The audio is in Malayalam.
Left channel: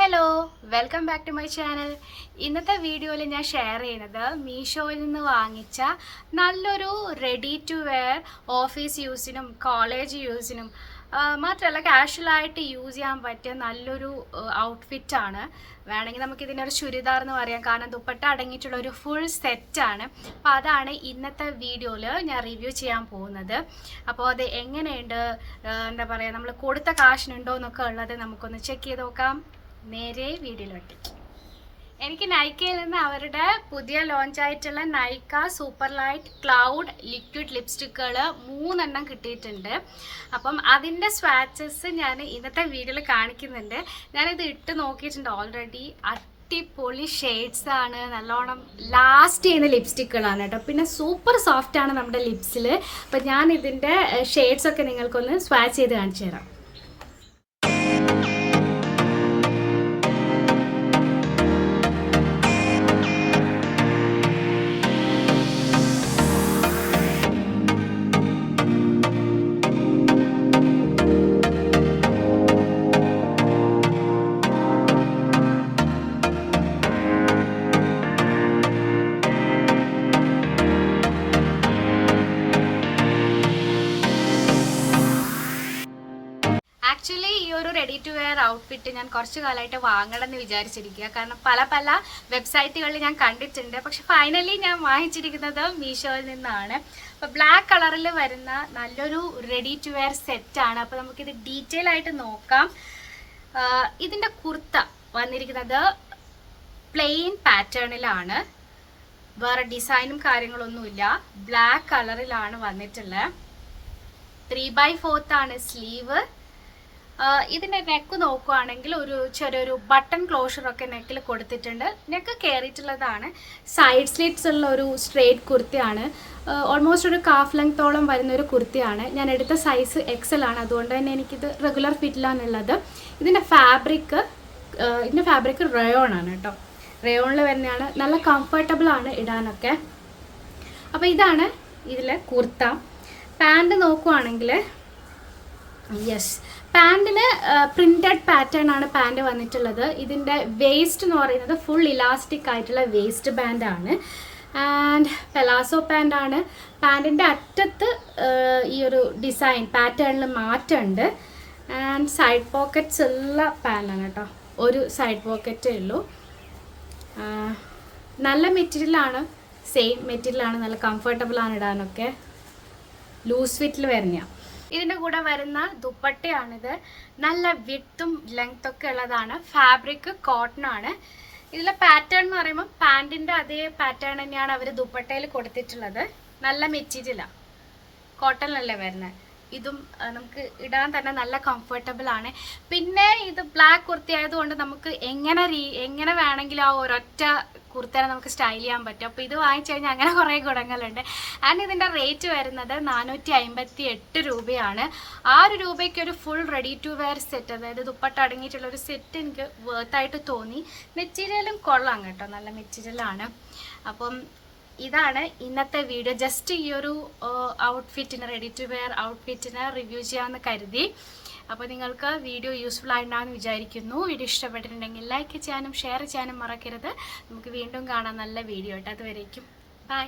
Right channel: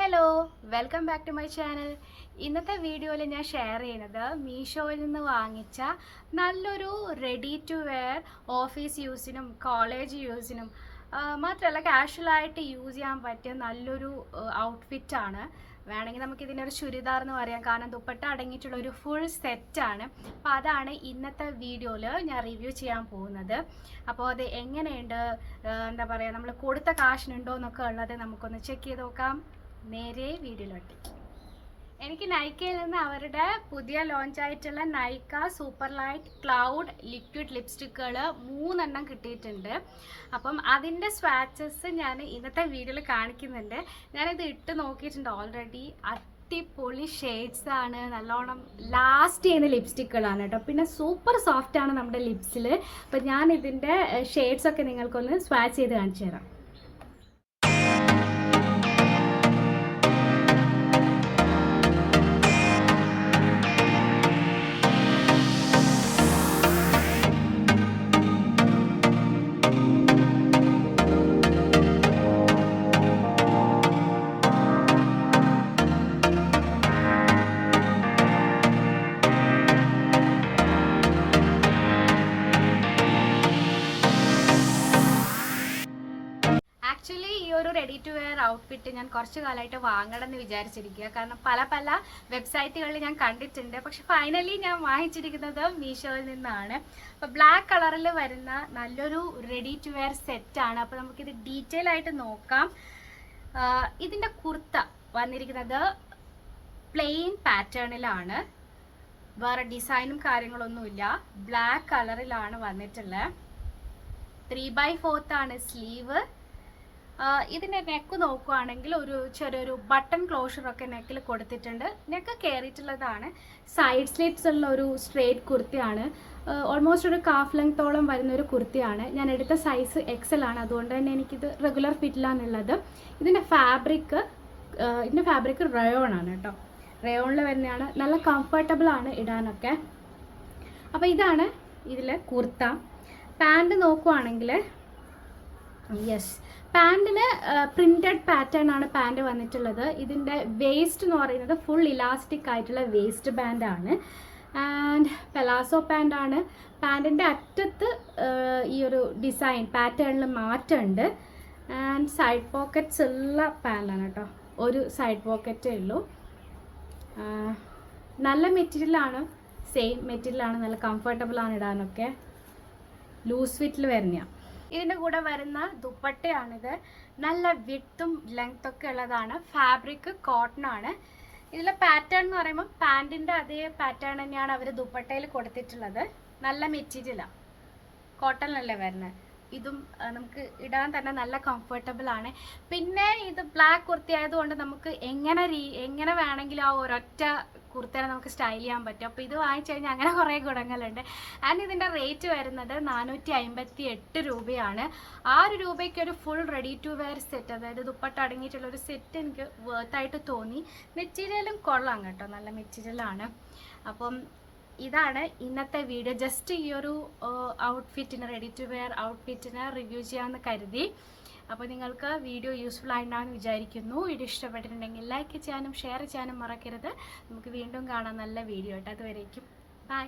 Hello, welcome back to my channel. ഇന്നത്തെ വീഡിയോയിൽ ഞാൻ ഷെയർ ചെയ്യുന്നത് മീഷോയിൽ നിന്ന് വാങ്ങിച്ച നല്ലൊരു റെഡി ടു വെയർ ഓഫീസ് യൂസിനും കോളേജ് യൂസിനും മാത്രമല്ല കാഷ്വലായിട്ട് യൂസ് ചെയ്യാൻ പറ്റിയ നല്ലൊരു ഔട്ട്ഫിറ്റാണ്. വേണമെങ്കിൽ നമുക്കിതിനൊരു ചുരിദാർ എന്ന് പറയാം, കാരണം ദുപ്പട്ട അടങ്ങിയിട്ടുള്ള ഒരു ഫുൾ സെറ്റാണ്. അപ്പോൾ അതാണ് ഇന്നത്തെ വീഡിയോയിൽ ഞാൻ റിവ്യൂ ചെയ്യാൻ പോകുന്നത്. അപ്പോൾ അത് എങ്ങനെയുണ്ട്, എന്താ പറയുക, നമ്മൾ കൊടുത്ത കാശിനുണ്ടോ എന്നൊക്കെ ഉള്ളത് നമുക്കൊന്ന് ചെക്ക് ചെയ്ത് നോക്കാം. നേരെ വീഡിയോയിലോട്ട്. എനിക്ക് നൈക്കയിൽ നിന്ന് അവരുടെ പുതിയ ലോഞ്ച് ആയിട്ടുള്ള Nykaa super light cloud liquid ലിപ്സ്റ്റിക്കുകൾ 3 എണ്ണം കിട്ടിയിട്ടുണ്ട്. അപ്പം അതിൻ്റെ സ്വാച്ചസ് ഞാൻ ഇന്നത്തെ വീഡിയോയിൽ കാണിക്കുന്നുണ്ട്. ഞാനിത് ഇട്ട് നോക്കിയിട്ടുണ്ട് ഓൾറെഡി. അടിപൊളി ഷെയ്ഡ്സ് ആണ്, നല്ലോണം ലാസ്റ്റ് ചെയ്യുന്ന ലിപ്സ്റ്റിക്കുകളാണ് കേട്ടോ. പിന്നെ സൂപ്പർ സോഫ്റ്റ് ആണ് നമ്മുടെ ലിപ്സിൽ. അപ്പം ഞാൻ ഇതിൻ്റെ ഷെയ്ഡ്സൊക്കെ നിങ്ങൾക്കൊന്ന് സ്വാച്ച് ചെയ്ത് കാണിച്ചു തരാം. ആക്ച്വലി ഈ ഒരു റെഡി ടു വെയർ ഔട്ട്ഫിറ്റ് ഞാൻ കുറച്ച് കാലമായിട്ട് വാങ്ങണം എന്ന് വിചാരിച്ചിരിക്കുക. കാരണം പല വെബ്സൈറ്റുകളിൽ ഞാൻ കണ്ടിട്ടുണ്ട്. പക്ഷെ ഫൈനലി ഞാൻ വാങ്ങിച്ചിരിക്കുന്നത് മീഷോയിൽ നിന്നാണ്. അപ്പോൾ ബ്ലാക്ക് കളറിൽ വരുന്ന നല്ലൊരു റെഡി ടു വെയർ സെറ്റാണ്. അപ്പോൾ നമുക്കിത് ഡീറ്റെയിൽ ആയിട്ട് നോക്കാം. ഇതിൻ്റെ കുർത്ത വന്നിരിക്കുന്നത് പ്ലെയിൻ പാറ്റേണിലാണ്, വേറെ ഡിസൈനും കാര്യങ്ങളൊന്നുമില്ല. ബ്ലാക്ക് കളറിലാണ് വന്നിട്ടുള്ളത്. 3/4 ആണ് സ്ലീവ്. ഇതിൻ്റെ നെക്ക് നോക്കുകയാണെങ്കിൽ ഒരു ചെറിയൊരു ബട്ടൺ ക്ലോഷറൊക്കെ നെക്കിൽ കൊടുത്തിട്ടുണ്ട്. നെക്ക് കയറിയിട്ടുള്ളതാണ്. സൈഡ് സ്ലിറ്റ്സ് ഉള്ള ഒരു സ്ട്രേറ്റ് കുർത്തിയാണ്. ഓൾമോസ്റ്റ് ഒരു കാഫ് ലെങ്ത്തോളം വരുന്നൊരു കുർത്തിയാണ്. ഞാൻ എടുത്ത സൈസ് XL ആണ്, അതുകൊണ്ട് തന്നെ എനിക്കിത് റെഗുലർ ഫിറ്റിലാണുള്ളത്. ഇതിൻ്റെ ഫാബ്രിക് റയോൺ ആണ് കേട്ടോ. റയോണിൽ വരുന്നതാണ്. നല്ല കംഫർട്ടബിൾ ആണ് ഇടാനൊക്കെ. അപ്പോൾ ഇതാണ് ഇതിലെ കുർത്ത. പാൻറ് നോക്കുവാണെങ്കിൽ യെസ്, പാൻറ്റിന് പ്രിൻറ്റഡ് പാറ്റേൺ ആണ് പാൻറ് വന്നിട്ടുള്ളത്. ഇതിൻ്റെ വേസ്റ്റ് എന്ന് പറയുന്നത് ഫുൾ ഇലാസ്റ്റിക് ആയിട്ടുള്ള വേസ്റ്റ് ബാൻഡാണ്. ആൻഡ് പെലാസോ പാൻറ്റാണ്. പാൻറ്റിൻ്റെ അറ്റത്ത് ഈ ഒരു ഡിസൈൻ പാറ്റേണിൽ മാറ്റമുണ്ട്. ആൻഡ് സൈഡ് പോക്കറ്റ്സ് ഉള്ള പാൻറ്റാണ് കേട്ടോ. ഒരു സൈഡ് പോക്കറ്റേ ഉള്ളൂ. നല്ല മെറ്റീരിയലാണ്, സെയിം മെറ്റീരിയലാണ്, നല്ല കംഫർട്ടബിളാണ് ഇടാനൊക്കെ. ലൂസ് ഫിറ്റിൽ വരുന്നതാണ്. ഇതിൻ്റെ കൂടെ വരുന്ന ദുപ്പട്ടയാണിത്. നല്ല വിഡ്ത്തും ലെങ്ത്തൊക്കെ ഉള്ളതാണ്. ഫാബ്രിക് കോട്ടൺ ആണ്. ഇതിലെ പാറ്റേൺ എന്ന് പറയുമ്പോൾ പാൻറ്റിൻ്റെ അതേ പാറ്റേൺ തന്നെയാണ് അവർ ദുപ്പട്ടയിൽ കൊടുത്തിട്ടുള്ളത്. നല്ല മെറ്റീരിയലാണ്, കോട്ടണിലല്ലേ വരുന്നത്. ഇതും നമുക്ക് ഇടാൻ തന്നെ നല്ല കംഫർട്ടബിൾ ആണ്. പിന്നെ ഇത് ബ്ലാക്ക് കുർത്തി ആയതുകൊണ്ട് നമുക്ക് എങ്ങനെ വേണമെങ്കിലും ആ ഒരൊറ്റ കുർത്തേനെ നമുക്ക് സ്റ്റൈൽ ചെയ്യാൻ പറ്റും. അപ്പോൾ ഇത് വാങ്ങിച്ചു കഴിഞ്ഞാൽ അങ്ങനെ കുറേ ഗുണങ്ങളുണ്ട്. ആൻഡ് ഇതിൻ്റെ റേറ്റ് വരുന്നത് 458 രൂപയാണ്. 6 രൂപയ്ക്ക് ഒരു full ready to wear set, അതായത് ദുപ്പട്ട അടങ്ങിയിട്ടുള്ള ഒരു സെറ്റ് എനിക്ക് വേർത്തായിട്ട് തോന്നി. മെറ്റീരിയലും കൊള്ളാം കേട്ടോ, നല്ല മെറ്റീരിയലാണ്. അപ്പം ഇതാണ് ഇന്നത്തെ വീഡിയോ. ജസ്റ്റ് ഈ ഒരു ഔട്ട്ഫിറ്റിന്, റെഡി ടു വെയർ ഔട്ട്ഫിറ്റിന് റിവ്യൂ ചെയ്യാമെന്ന് കരുതി. അപ്പോൾ നിങ്ങൾക്ക് വീഡിയോ യൂസ്ഫുൾ ആയിട്ടുണ്ടാകുമെന്ന് വിചാരിക്കുന്നു. വീഡിയോ ഇഷ്ടപ്പെട്ടിട്ടുണ്ടെങ്കിൽ ലൈക്ക് ചെയ്യാനും ഷെയർ ചെയ്യാനും മറക്കരുത്. നമുക്ക് വീണ്ടും കാണാം നല്ല വീഡിയോ ആയിട്ട്. അതുവരേക്കും ബൈ.